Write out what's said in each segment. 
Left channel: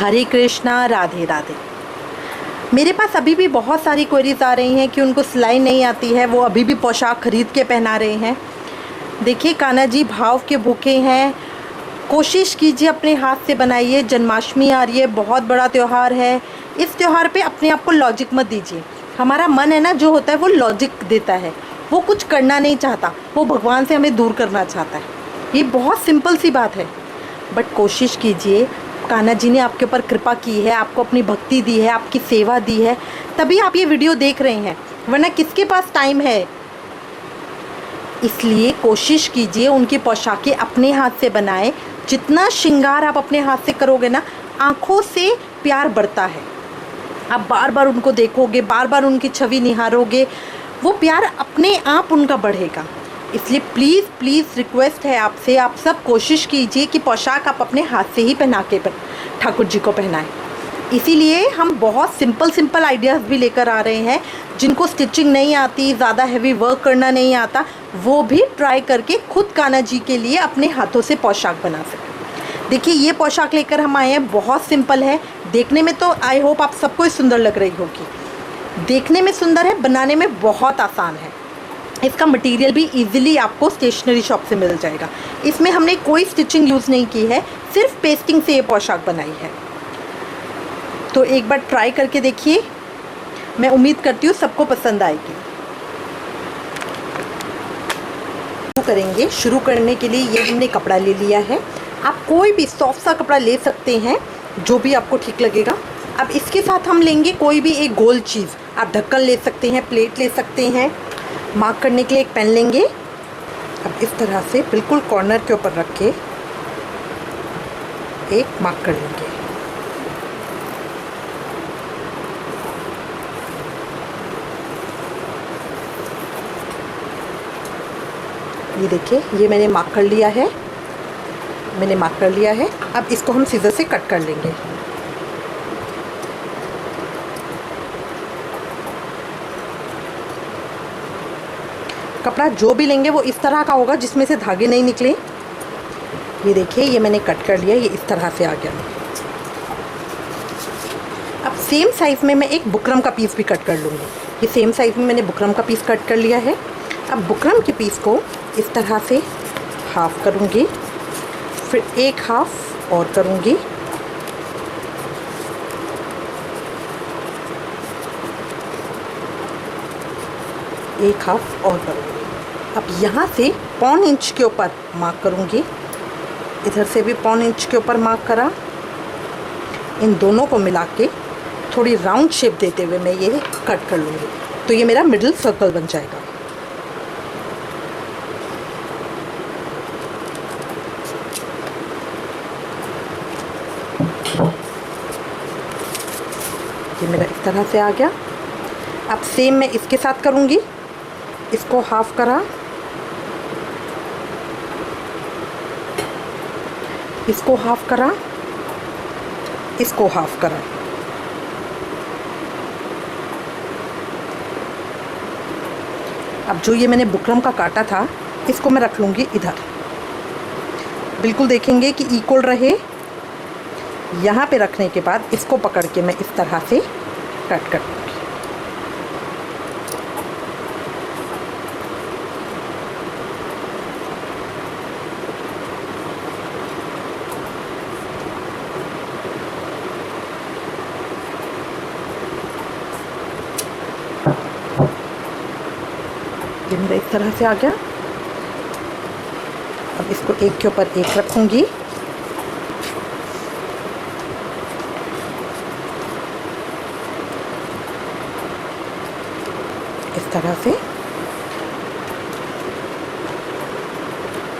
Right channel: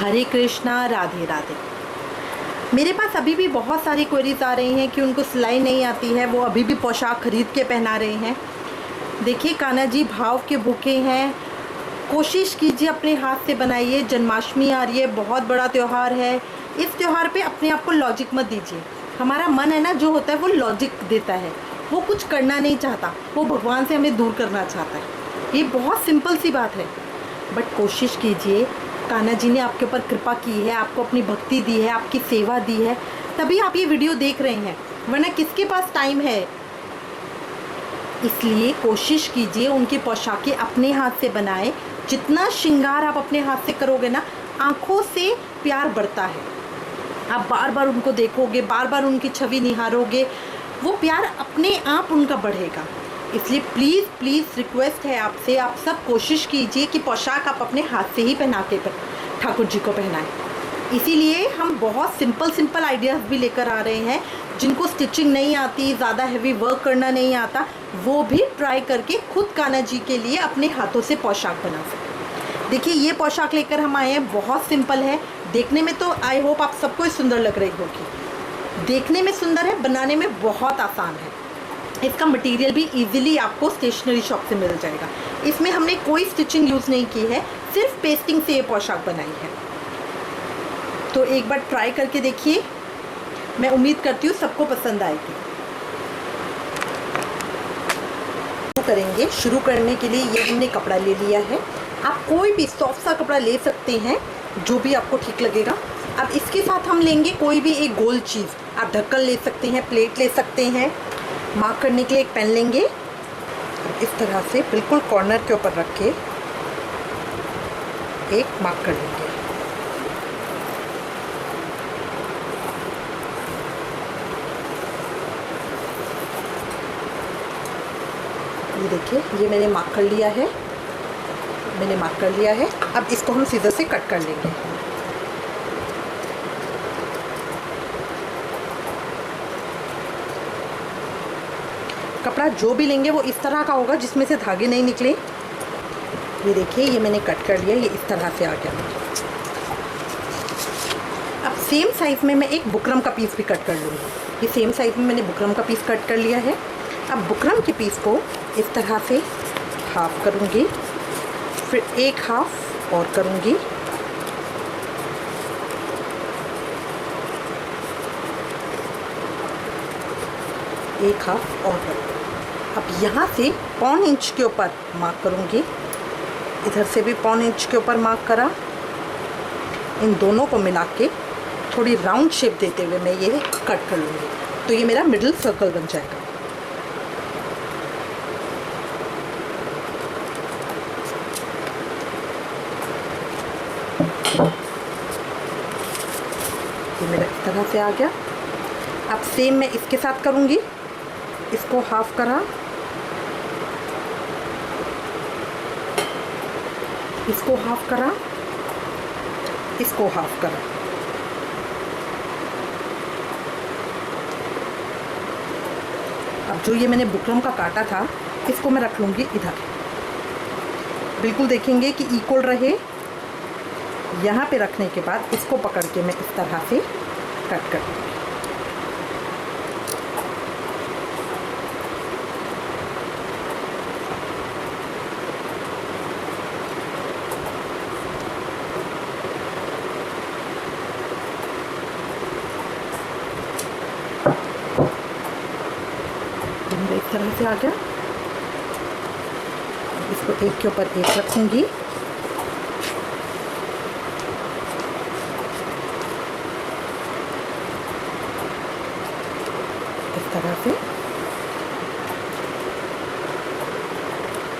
हरे कृष्णा, राधे राधे। मेरे पास अभी भी बहुत सारी क्वेरीज आ रही हैं कि उनको सिलाई नहीं आती है, वो अभी भी पोशाक खरीद के पहना रहे हैं। देखिए कान्हा जी भाव के भूखे हैं, कोशिश कीजिए अपने हाथ से बनाइए। जन्माष्टमी आ रही है, बहुत बड़ा त्यौहार है। इस त्यौहार पे अपने आप को लॉजिक मत दीजिए। हमारा मन है ना, जो होता है वो लॉजिक देता है, वो कुछ करना नहीं चाहता, वो भगवान से हमें दूर करना चाहता है। ये बहुत सिंपल सी बात है, बट कोशिश कीजिए। कान्हा जी ने आपके ऊपर कृपा की है, आपको अपनी भक्ति दी है, आपकी सेवा दी है, तभी आप ये वीडियो देख रहे हैं, वरना किसके पास टाइम है। इसलिए कोशिश कीजिए उनकी पोशाकें अपने हाथ से बनाएं। जितना श्रृंगार आप अपने हाथ से करोगे ना, आँखों से प्यार बढ़ता है। आप बार बार उनको देखोगे, बार बार उनकी छवि निहारोगे, वो प्यार अपने आप उनका बढ़ेगा। इसलिए प्लीज़ प्लीज़ रिक्वेस्ट है आपसे, आप सब कोशिश कीजिए कि पोशाक आप अपने हाथ से ही पहना के ठाकुर जी को पहनाएं। इसीलिए हम बहुत सिंपल आइडियाज़ भी लेकर आ रहे हैं। जिनको स्टिचिंग नहीं आती, ज़्यादा हैवी वर्क करना नहीं आता, वो भी ट्राई करके खुद कान्हा जी के लिए अपने हाथों से पोशाक बना सकते। देखिए ये पोशाक लेकर हम आए हैं, बहुत सिंपल है देखने में, तो आई होप आप सबको सुंदर लग रही होगी। देखने में सुंदर है, बनाने में बहुत आसान है। इसका मटेरियल भी इजीली आपको स्टेशनरी शॉप से मिल जाएगा। इसमें हमने कोई स्टिचिंग यूज़ नहीं की है, सिर्फ पेस्टिंग से ये पोशाक बनाई है। तो एक बार ट्राई करके देखिए, मैं उम्मीद करती हूँ सबको पसंद आएगी। करेंगे शुरू करने के लिए ये हमने कपड़ा ले लिया है। आप कोई भी सॉफ्ट सा कपड़ा ले सकते हैं, जो भी आपको ठीक लगेगा। अब इसके साथ हम लेंगे कोई भी एक गोल चीज़। आप ढक्कन ले सकते हैं, प्लेट ले सकते हैं। मार्क करने के लिए एक पेन लेंगे। अब इस तरह से बिल्कुल कॉर्नर के ऊपर रख के एक मार्क कर लेंगे। ये देखिए, ये मैंने मार्क कर लिया है, अब इसको हम सीजर से कट कर लेंगे। कपड़ा जो भी लेंगे वो इस तरह का होगा जिसमें से धागे नहीं निकले। ये देखिए, ये मैंने कट कर लिया, ये इस तरह से आ गया। अब सेम साइज़ में मैं एक बुकरम का पीस भी कट कर लूँगी। ये सेम साइज़ में मैंने बुकरम का पीस कट कर लिया है। अब बुकरम के पीस को इस तरह से हाफ करूँगी, फिर एक हाफ और करूँगी, एक हाफ और करूँगी। अब यहाँ से 1.25 इंच के ऊपर मार्क करूँगी, इधर से भी 1.25 इंच के ऊपर मार्क करा। इन दोनों को मिला के थोड़ी राउंड शेप देते हुए मैं ये कट कर लूँगी, तो ये मेरा मिडिल सर्कल बन जाएगा। ये मेरा इस तरह से आ गया। अब सेम मैं इसके साथ करूँगी। इसको हाफ करा, इसको हाफ करा, इसको हाफ करा। अब जो ये मैंने बुकरम का काटा था, इसको मैं रख लूँगी इधर। बिल्कुल देखेंगे कि इक्वल रहे। यहाँ पे रखने के बाद इसको पकड़ के मैं इस तरह से कट कर दूँगी। ये मेरा इस तरह से आ गया। अब इसको एक के ऊपर एक रखूँगी। इस तरह से।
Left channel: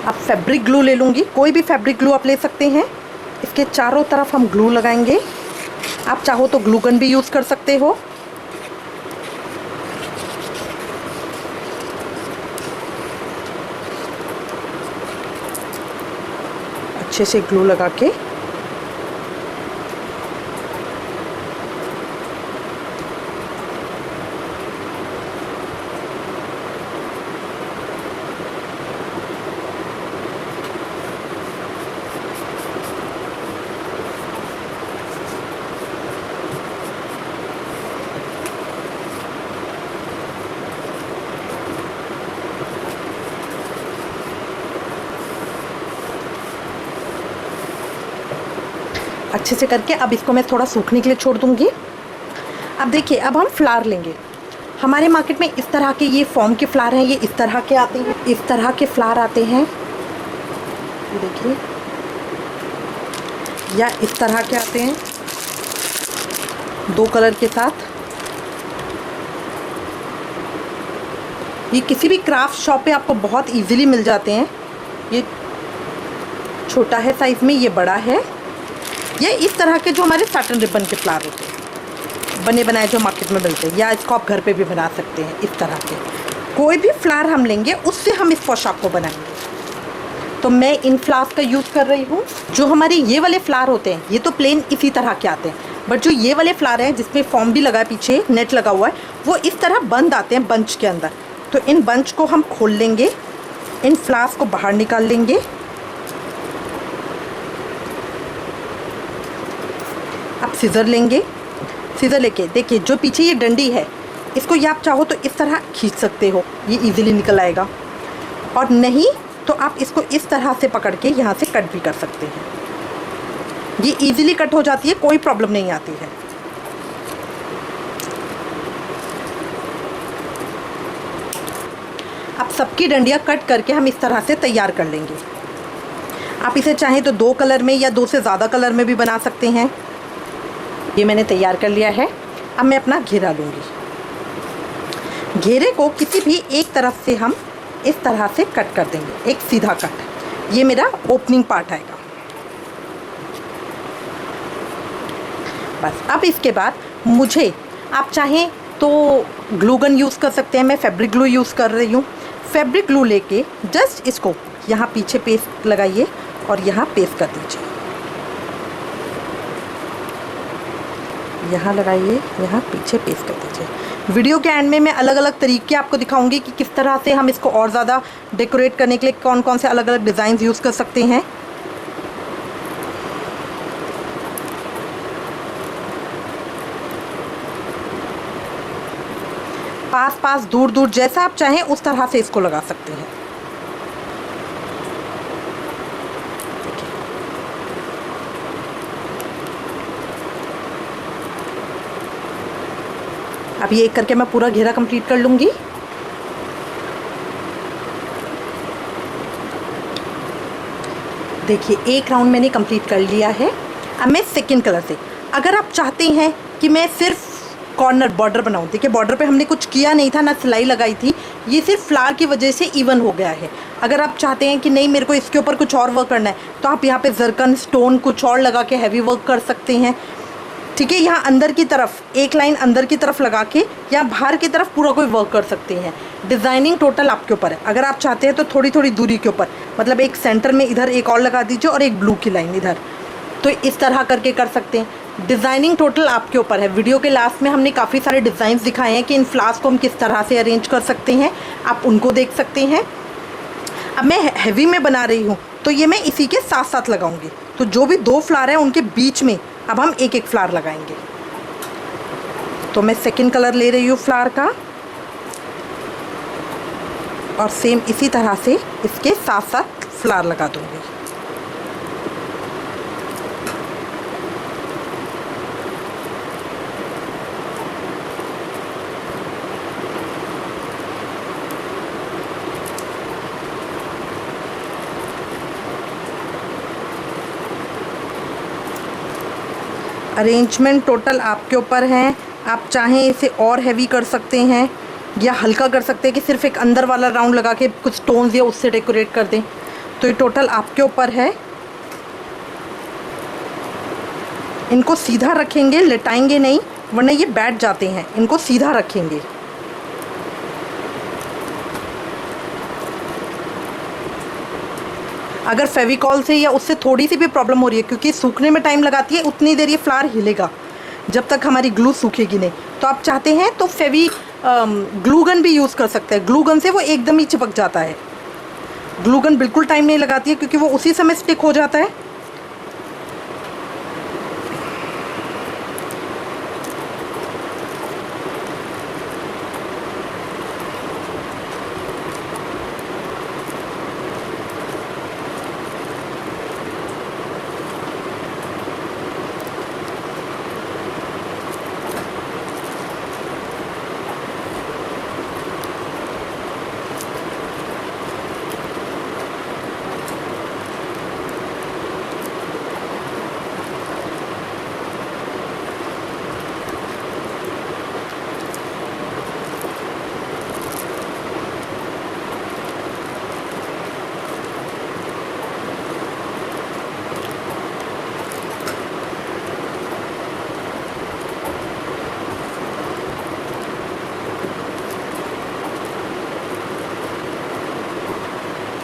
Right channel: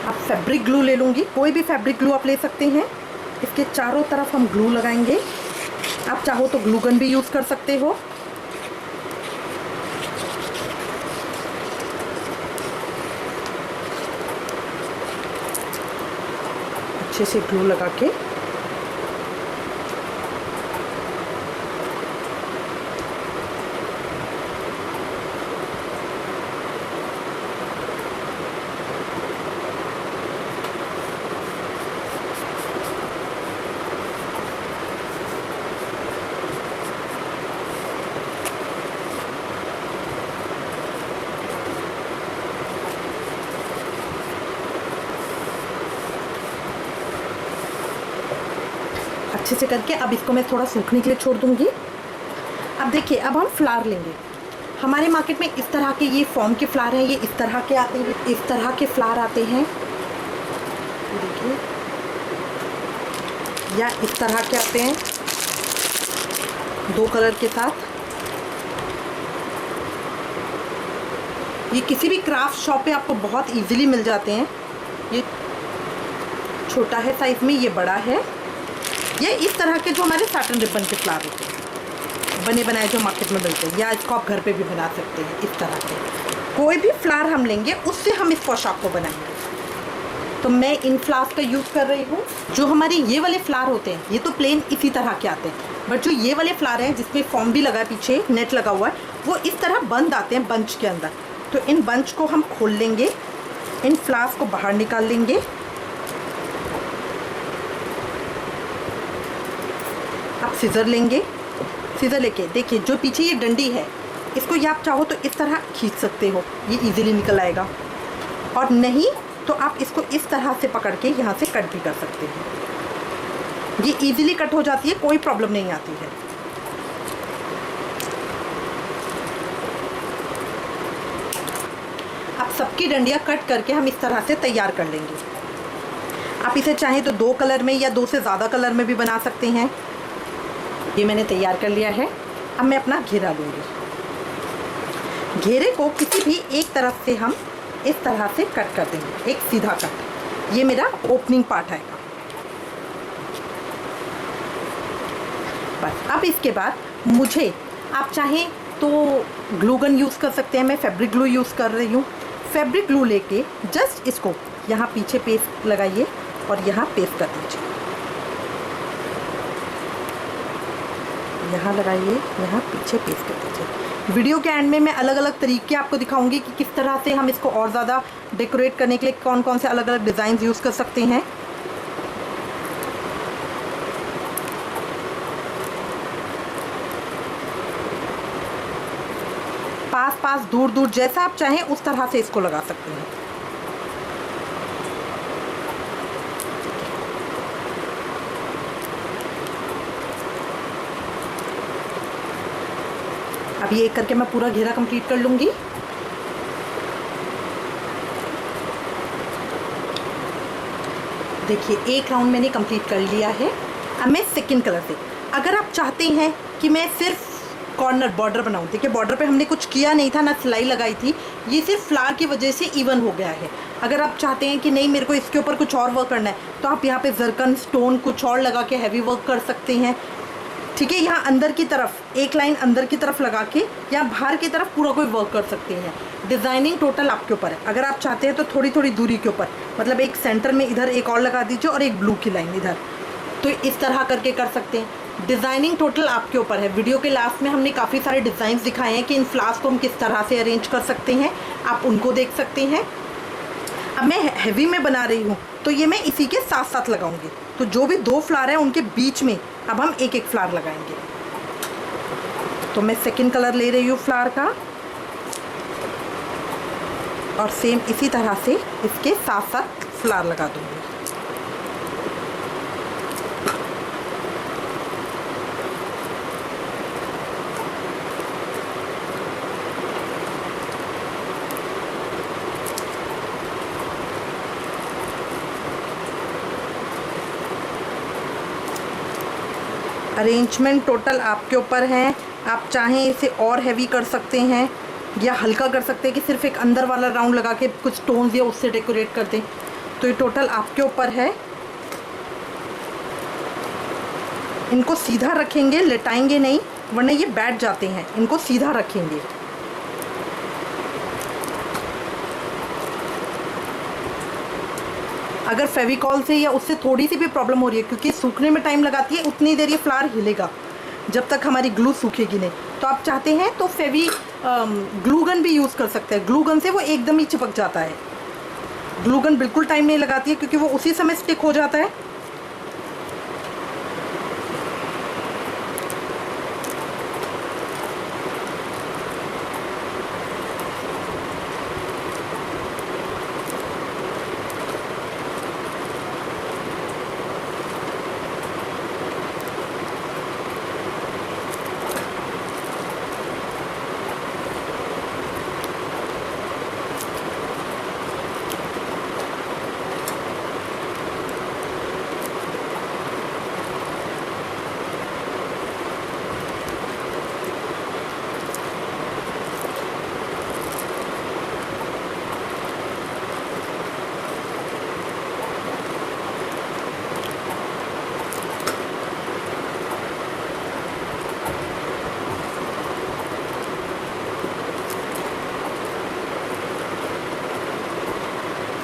अब फैब्रिक ग्लू ले लूँगी, कोई भी फैब्रिक ग्लू आप ले सकते हैं। इसके चारों तरफ हम ग्लू लगाएंगे। आप चाहो तो ग्लू गन भी यूज़ कर सकते हो। अच्छे से ग्लू लगा के अच्छे से करके अब इसको मैं थोड़ा सूखने के लिए छोड़ दूँगी। अब देखिए, अब हम फ्लावर लेंगे। हमारे मार्केट में इस तरह के ये फॉर्म के फ्लावर हैं, ये इस तरह के आते हैं, इस तरह के फ्लावर आते हैं, देखिए, या इस तरह के आते हैं 2 कलर के साथ। ये किसी भी क्राफ्ट शॉप पे आपको बहुत इजीली मिल जाते हैं। ये छोटा है साइज़ में, ये बड़ा है। ये इस तरह के जो हमारे सैटिन रिबन के फ्लावर होते हैं, बने बनाए जो मार्केट में मिलते हैं, या इसको आप घर पे भी बना सकते हैं। इस तरह के कोई भी फ्लावर हम लेंगे उससे हम इस पोशाक को बनाएंगे। तो मैं इन फ्लावर्स का यूज़ कर रही हूँ। जो हमारे ये वाले फ्लावर होते हैं, ये तो प्लेन इसी तरह के आते हैं, बट जो ये वाले फ्लावर हैं जिसपे फॉर्म भी लगा है, पीछे नेट लगा हुआ है, वो इस तरह बंद आते हैं बंच के अंदर। तो इन बंच को हम खोल लेंगे, इन फ्लावर्स को बाहर निकाल लेंगे। अब सीज़र लेंगे, सीज़र लेके देखिए जो पीछे ये डंडी है, इसको ये आप चाहो तो इस तरह खींच सकते हो, ये इजीली निकल आएगा, और नहीं तो आप इसको इस तरह से पकड़ के यहाँ से कट भी कर सकते हैं। ये इजीली कट हो जाती है, कोई प्रॉब्लम नहीं आती है। अब सबकी डंडियाँ कट करके हम इस तरह से तैयार कर लेंगे। आप इसे चाहें तो 2 कलर में या 2 से ज़्यादा कलर में भी बना सकते हैं। ये मैंने तैयार कर लिया है। अब मैं अपना घेरा लूँगी। घेरे को किसी भी एक तरफ से हम इस तरह से कट कर देंगे, एक सीधा कट। ये मेरा ओपनिंग पार्ट है। बस अब इसके बाद मुझे, आप चाहें तो ग्लू गन यूज़ कर सकते हैं। मैं फैब्रिक ग्लू यूज़ कर रही हूँ। फैब्रिक ग्लू लेके जस्ट इसको यहाँ पीछे पेस्ट लगाइए और यहाँ पेस्ट कर दीजिए। यहाँ लगाइए, यहाँ पीछे पेस्ट कर दीजिए। वीडियो के एंड में मैं अलग अलग तरीके आपको दिखाऊंगी कि किस तरह से हम इसको और ज़्यादा डेकोरेट करने के लिए कौन कौन से अलग अलग डिज़ाइन यूज़ कर सकते हैं। पास पास दूर दूर जैसा आप चाहें उस तरह से इसको लगा सकते हैं। अब ये करके मैं पूरा घेरा कंप्लीट कर लूँगी। देखिए एक राउंड मैंने कंप्लीट कर लिया है। अब मैं सेकंड कलर से, अगर आप चाहते हैं कि मैं सिर्फ कॉर्नर बॉर्डर बनाऊँ, देखिए बॉर्डर पे हमने कुछ किया नहीं था, ना सिलाई लगाई थी, ये सिर्फ फ्लावर की वजह से इवन हो गया है। अगर आप चाहते हैं कि नहीं मेरे को इसके ऊपर कुछ और वर्क करना है, तो आप यहाँ पे जरकन स्टोन कुछ और लगा के हैवी वर्क कर सकते हैं। ठीक है, यहाँ अंदर की तरफ एक लाइन अंदर की तरफ लगा के या बाहर की तरफ पूरा कोई वर्क कर सकते हैं। डिज़ाइनिंग टोटल आपके ऊपर है। अगर आप चाहते हैं तो थोड़ी थोड़ी दूरी के ऊपर, मतलब एक सेंटर में इधर एक और लगा दीजिए और एक ब्लू की लाइन इधर, तो इस तरह करके कर सकते हैं। डिज़ाइनिंग टोटल आपके ऊपर है। वीडियो के लास्ट में हमने काफ़ी सारे डिज़ाइन दिखाए हैं कि इन फ्लावर्स को हम किस तरह से अरेंज कर सकते हैं, आप उनको देख सकते हैं। अब मैं हैवी में बना रही हूँ तो ये मैं इसी के साथ साथ लगाऊंगी। तो जो भी 2 फ्लावर हैं उनके बीच में अब हम एक एक फ्लावर लगाएंगे। तो मैं सेकंड कलर ले रही हूँ फ्लावर का, और सेम इसी तरह से इसके साथ साथ फ्लावर लगा दूँगी। अरेंजमेंट टोटल आपके ऊपर है। आप चाहें इसे और हैवी कर सकते हैं या हल्का कर सकते हैं कि सिर्फ एक अंदर वाला राउंड लगा के कुछ स्टोन्स या उससे डेकोरेट कर दें। तो ये टोटल आपके ऊपर है। इनको सीधा रखेंगे, लटाएंगे नहीं, वरना ये बैठ जाते हैं। इनको सीधा रखेंगे। अगर फेविकॉल से या उससे थोड़ी सी भी प्रॉब्लम हो रही है, क्योंकि सूखने में टाइम लगाती है, उतनी देर ये फ्लावर हिलेगा जब तक हमारी ग्लू सूखेगी नहीं। तो आप चाहते हैं तो ग्लू गन भी यूज़ कर सकते हैं। ग्लू गन से वो एकदम ही चिपक जाता है। ग्लू गन बिल्कुल टाइम नहीं लगाती है क्योंकि वो उसी समय स्टिक हो जाता है।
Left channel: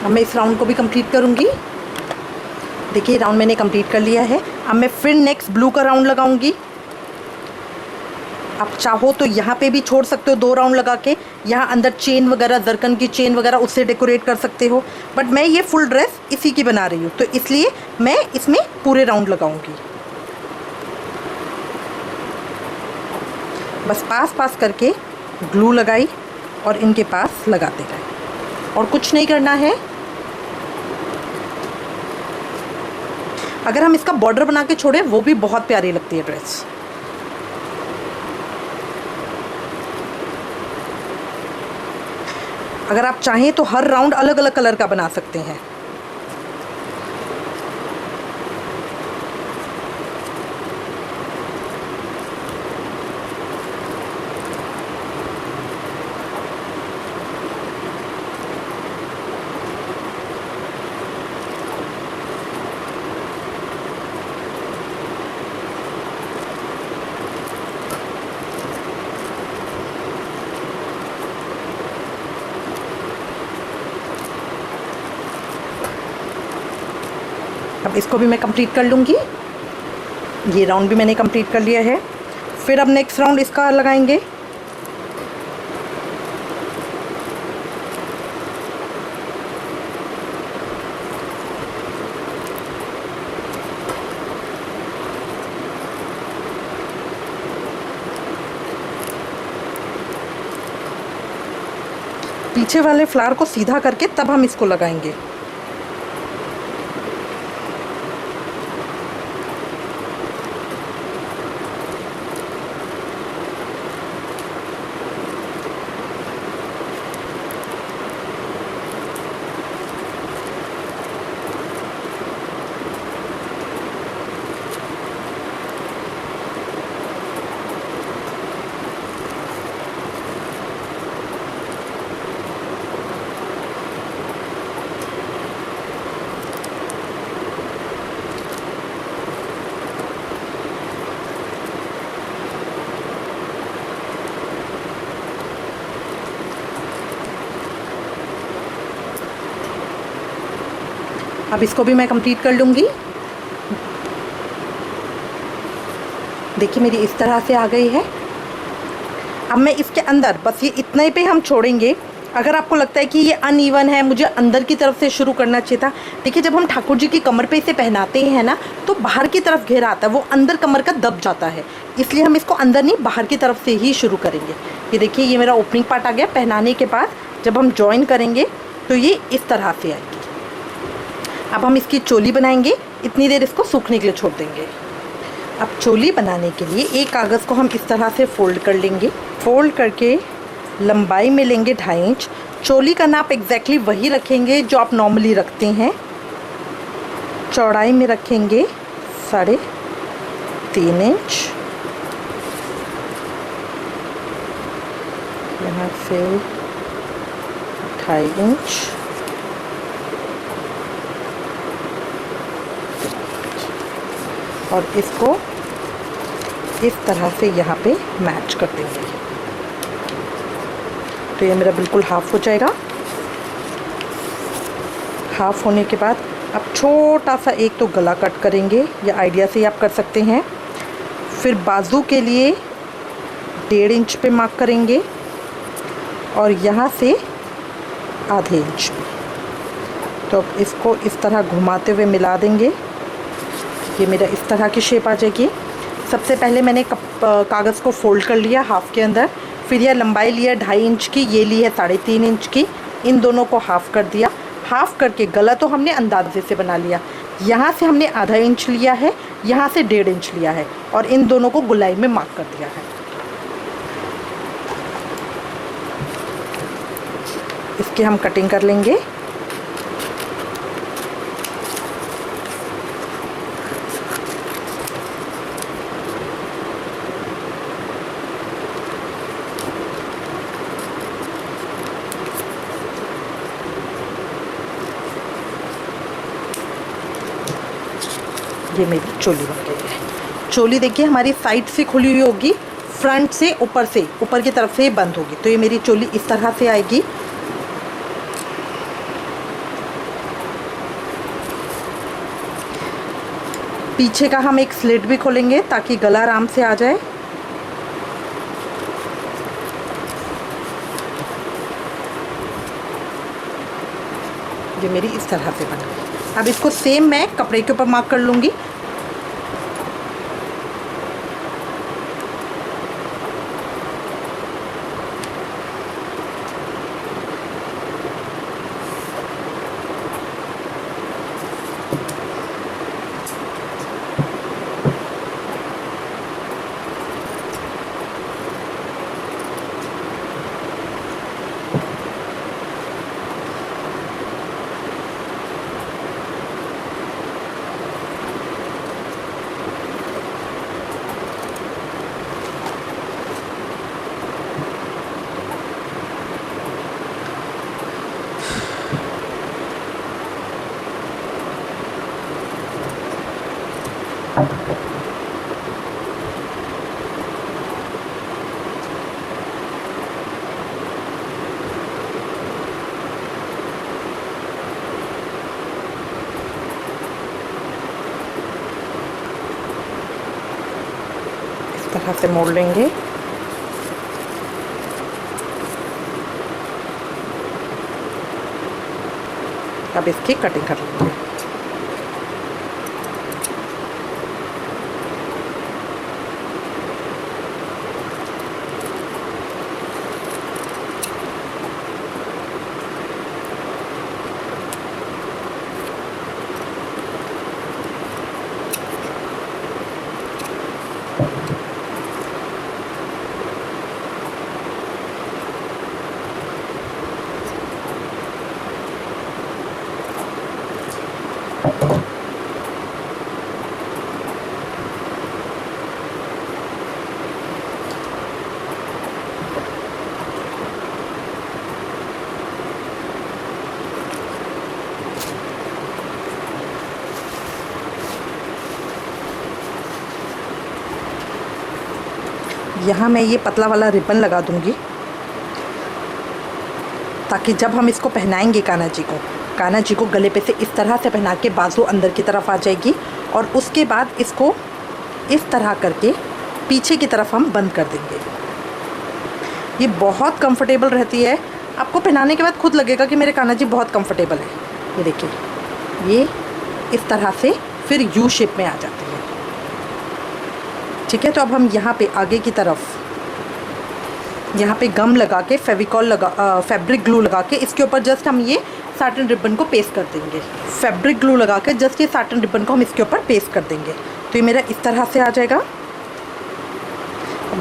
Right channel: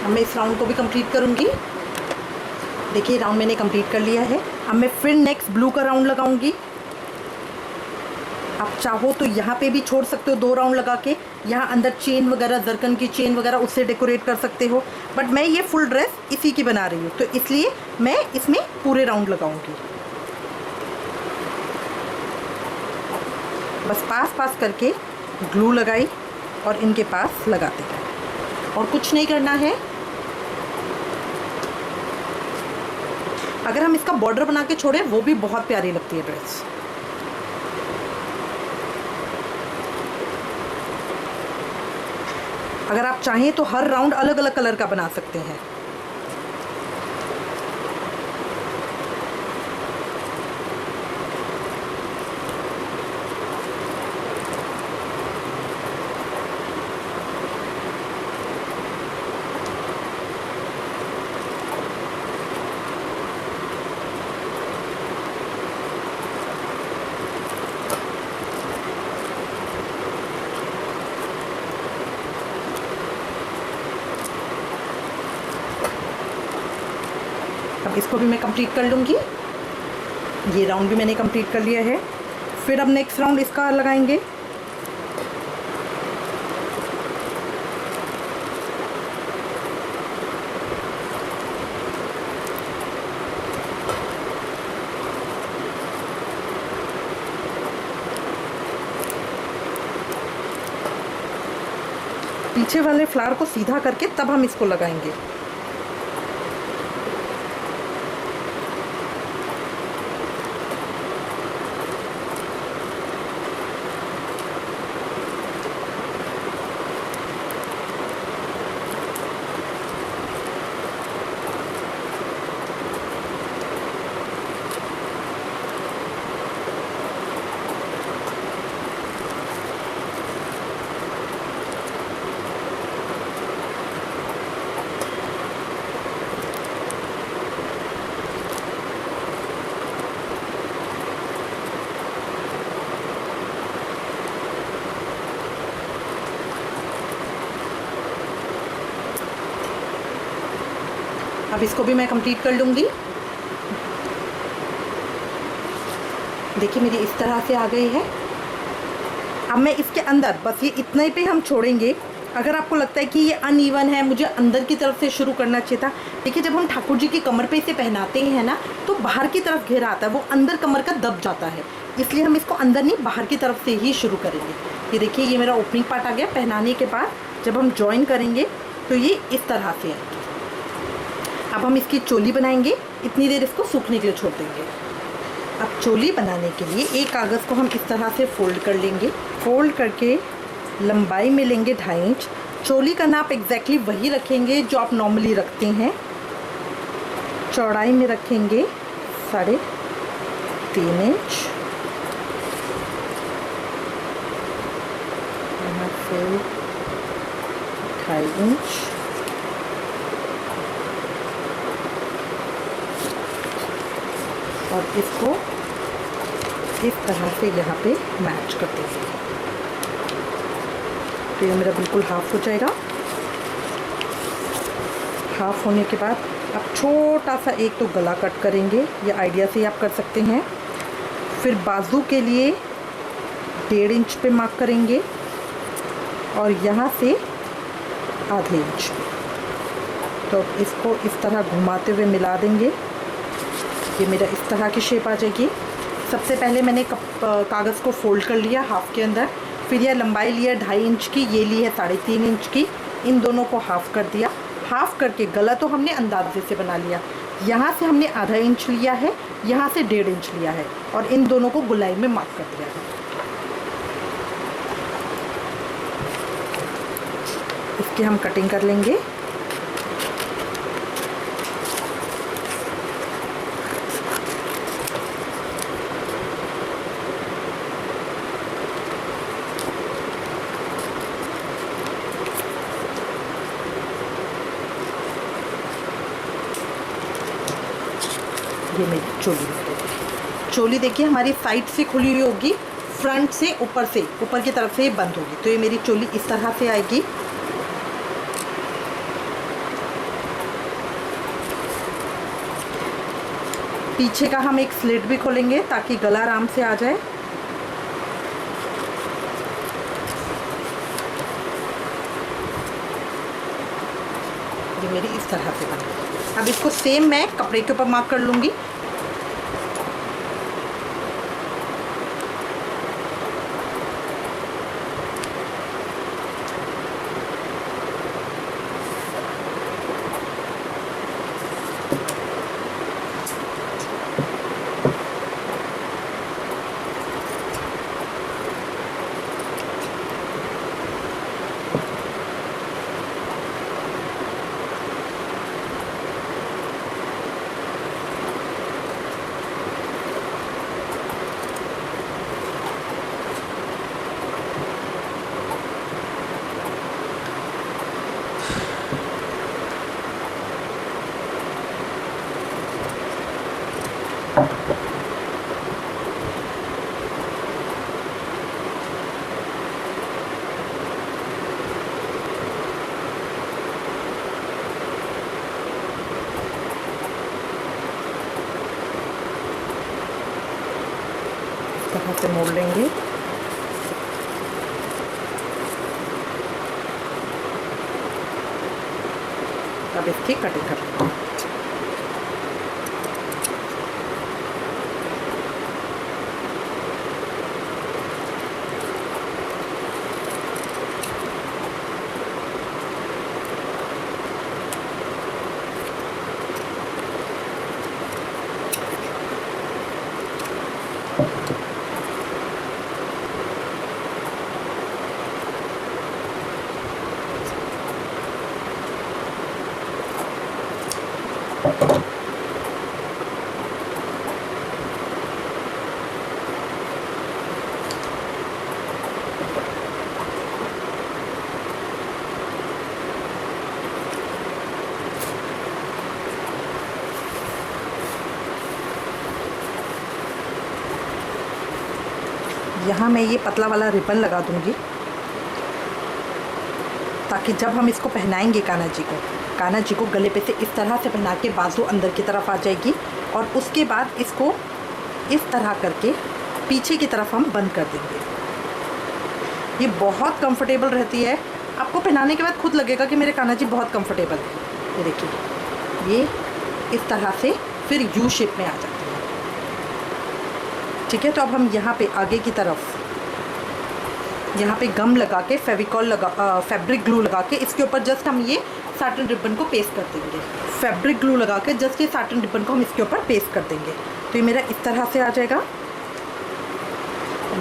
अब मैं इस राउंड को भी कंप्लीट करूँगी। देखिए राउंड मैंने कंप्लीट कर लिया है। अब मैं फिर नेक्स्ट ब्लू का राउंड लगाऊंगी। आप चाहो तो यहाँ पे भी छोड़ सकते हो 2 राउंड लगा के, यहाँ अंदर चेन वगैरह, जरकन की चेन वगैरह उससे डेकोरेट कर सकते हो, बट मैं ये फुल ड्रेस इसी की बना रही हूँ तो इसलिए मैं इसमें पूरे राउंड लगाऊंगी। बस पास पास करके ग्लू लगाई और इनके पास लगाते हैं और कुछ नहीं करना है। अगर हम इसका बॉर्डर बना के छोड़ें वो भी बहुत प्यारी लगती है ड्रेस। अगर आप चाहें तो हर राउंड अलग अलग कलर का बना सकते हैं। इसको भी मैं कंप्लीट कर लूँगी। ये राउंड भी मैंने कंप्लीट कर लिया है। फिर अब नेक्स्ट राउंड इसका लगाएंगे। पीछे वाले फ्लावर को सीधा करके तब हम इसको लगाएंगे। अब इसको भी मैं कंप्लीट कर लूँगी। देखिए मेरी इस तरह से आ गई है। अब मैं इसके अंदर बस ये इतने पे हम छोड़ेंगे। अगर आपको लगता है कि ये अनइवन है, मुझे अंदर की तरफ से शुरू करना चाहिए था, देखिए जब हम ठाकुर जी की कमर पे इसे पहनाते हैं ना तो बाहर की तरफ घेरा आता है, वो अंदर कमर का दब जाता है, इसलिए हम इसको अंदर नहीं बाहर की तरफ से ही शुरू करेंगे। ये देखिए ये मेरा ओपनिंग पार्ट आ गया। पहनाने के बाद जब हम ज्वाइन करेंगे तो ये इस तरह से आएगी। अब हम इसकी चोली बनाएंगे। इतनी देर इसको सूखने के लिए छोड़ देंगे। अब चोली बनाने के लिए एक कागज़ को हम इस तरह से फोल्ड कर लेंगे। फोल्ड करके लंबाई में लेंगे 2.5 इंच। चोली का नाप एग्जैक्टली वही रखेंगे जो आप नॉर्मली रखते हैं। चौड़ाई में रखेंगे 3.5 इंच। यहाँ से 2.5 इंच। और इसको इस तरह से यहाँ पे मैच कर देंगे तो ये मेरा बिल्कुल हाफ हो जाएगा। हाफ होने के बाद अब छोटा सा एक तो गला कट करेंगे, ये आइडिया से ही आप कर सकते हैं। फिर बाजू के लिए 1.5 इंच पे मार्क करेंगे और यहाँ से आधे इंच। तो इसको इस तरह घुमाते हुए मिला देंगे। ये मेरा इस तरह की शेप आ जाएगी। सबसे पहले मैंने कागज़ को फोल्ड कर लिया हाफ के अंदर, फिर यह लंबाई लिया 2.5 इंच की, ये ली है 3.5 इंच की। इन दोनों को हाफ़ कर दिया। हाफ़ करके गला तो हमने अंदाजे से बना लिया। यहाँ से हमने आधा इंच लिया है, यहाँ से 1.5 इंच लिया है और इन दोनों को गोलाई में मार्क कर दिया है। इसकी हम कटिंग कर लेंगे। ये मेरी चोली बन गई है। चोली देखिए हमारी साइड से खुली हुई होगी, फ्रंट से ऊपर की तरफ से बंद होगी। तो ये मेरी चोली इस तरह से आएगी। पीछे का हम एक स्लिट भी खोलेंगे ताकि गला आराम से आ जाए। ये मेरी इस तरह से बना है। अब इसको सेम मैं कपड़े के ऊपर मार्क कर लूँगी। तरह से मोड़ लेंगे। अब इसकी कटिंग कर लेंगे। यहाँ मैं ये पतला वाला रिबन लगा दूंगी ताकि जब हम इसको पहनाएंगे कान्हा जी को गले पे से इस तरह से पहना के बाजू अंदर की तरफ आ जाएगी और उसके बाद इसको इस तरह करके पीछे की तरफ हम बंद कर देंगे। ये बहुत कंफर्टेबल रहती है। आपको पहनाने के बाद खुद लगेगा कि मेरे कान्हा जी बहुत कंफर्टेबल है। ये देखिए, ये इस तरह से फिर यू शेप में आ जाती है। ठीक है, तो अब हम यहाँ पे आगे की तरफ यहाँ पे गम लगा के फैब्रिक ग्लू लगा के इसके ऊपर जस्ट हम ये साटन रिबन को पेस्ट कर देंगे। फैब्रिक ग्लू लगा के जस्ट ये साटन रिबन को हम इसके ऊपर पेस्ट कर देंगे। तो ये मेरा इस तरह से आ जाएगा।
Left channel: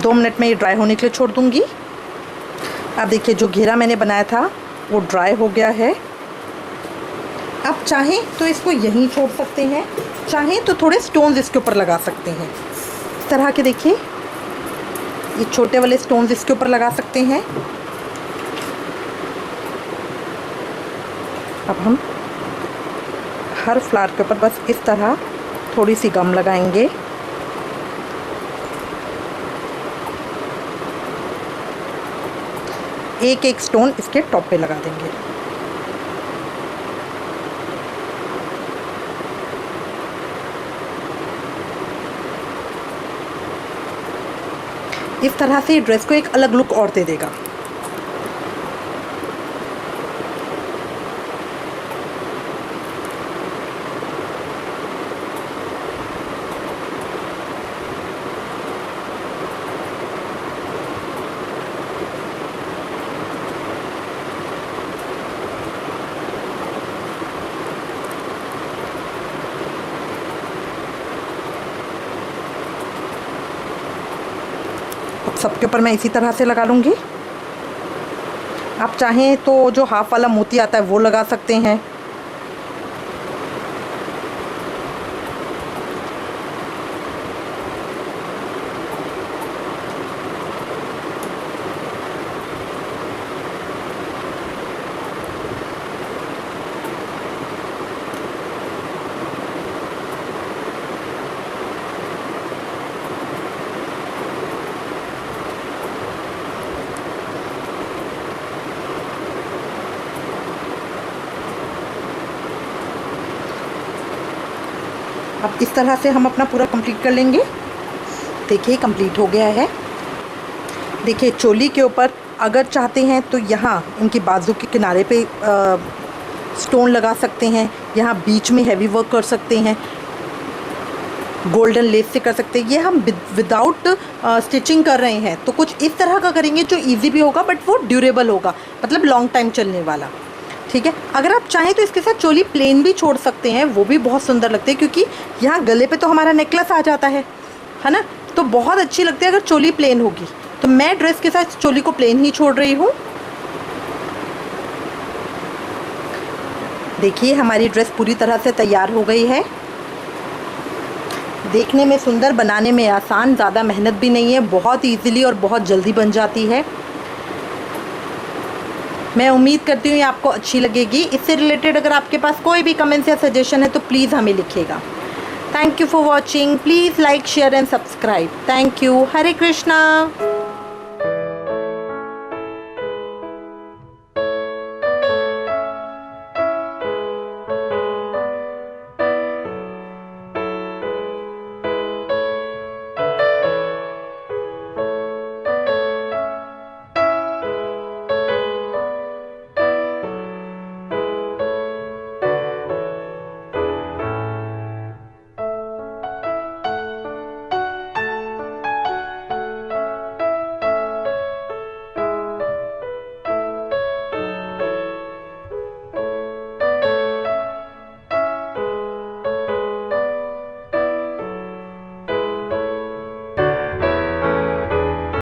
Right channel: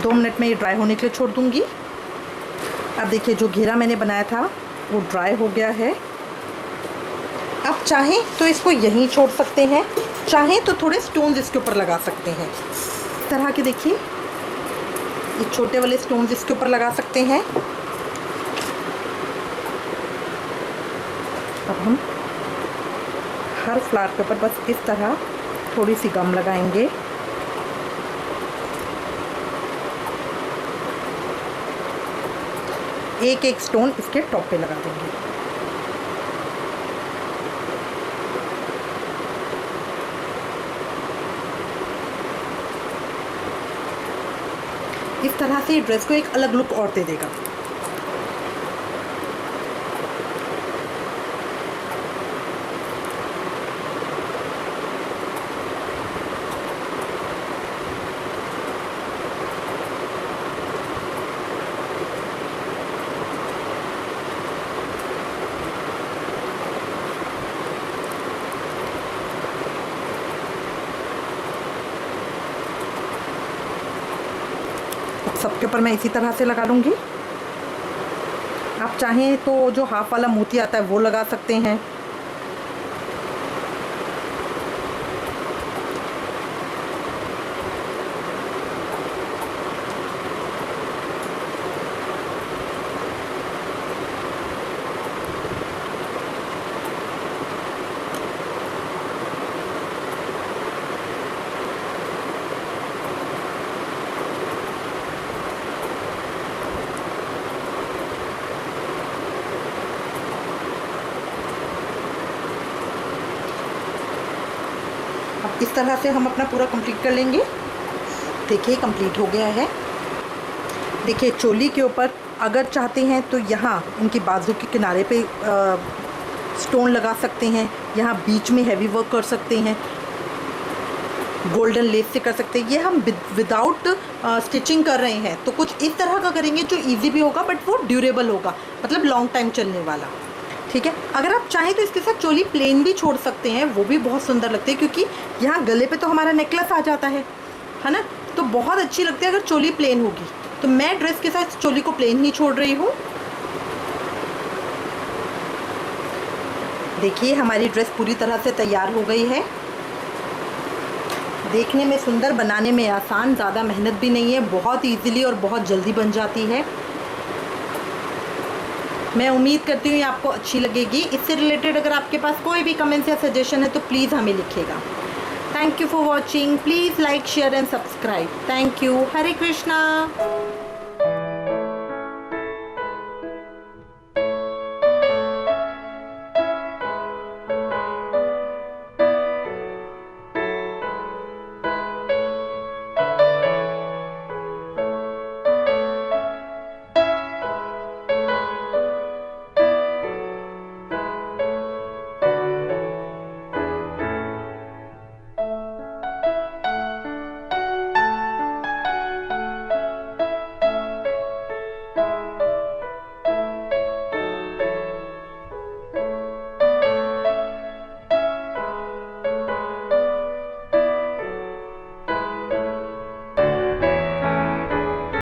2 मिनट में ये ड्राई होने के लिए छोड़ दूँगी। अब देखिए, जो घेरा मैंने बनाया था वो ड्राई हो गया है। अब चाहें तो इसको यहीं छोड़ सकते हैं, चाहें तो थोड़े स्टोन्स इसके ऊपर लगा सकते हैं। इस तरह के देखिए, ये छोटे वाले स्टोन्स इसके ऊपर लगा सकते हैं। अब हम हर फ्लावर के ऊपर बस इस तरह थोड़ी सी गम लगाएंगे। एक एक स्टोन इसके टॉप पे लगा देंगे। इस तरह से ड्रेस को एक अलग लुक और दे देगा। सबके ऊपर मैं इसी तरह से लगा लूँगी। आप चाहें तो जो हाफ वाला मोती आता है वो लगा सकते हैं। इस तरह से हम अपना पूरा कंप्लीट कर लेंगे। देखिए कंप्लीट हो गया है। देखिए चोली के ऊपर अगर चाहते हैं तो यहाँ इनके बाजू के किनारे पे स्टोन लगा सकते हैं, यहाँ बीच में हैवी वर्क कर सकते हैं, गोल्डन लेस से कर सकते हैं। ये हम विदाउट स्टिचिंग कर रहे हैं तो कुछ इस तरह का करेंगे जो इजी भी होगा बट वो ड्यूरेबल होगा, मतलब लॉन्ग टाइम चलने वाला। ठीक है, अगर आप चाहें तो इसके साथ चोली प्लेन भी छोड़ सकते हैं, वो भी बहुत सुंदर लगते हैं क्योंकि यहाँ गले पे तो हमारा नेकलेस आ जाता है ना, तो बहुत अच्छी लगती है अगर चोली प्लेन होगी। तो मैं ड्रेस के साथ चोली को प्लेन ही छोड़ रही हूँ। देखिए हमारी ड्रेस पूरी तरह से तैयार हो गई है। देखने में सुंदर, बनाने में आसान, ज़्यादा मेहनत भी नहीं है, बहुत इजीली और बहुत जल्दी बन जाती है। मैं उम्मीद करती हूँ ये आपको अच्छी लगेगी। इससे रिलेटेड अगर आपके पास कोई भी कमेंट्स या सजेशन है तो प्लीज़ हमें लिखिएगा। Thank you for watching. Please like, share and subscribe. Thank you. Hare Krishna.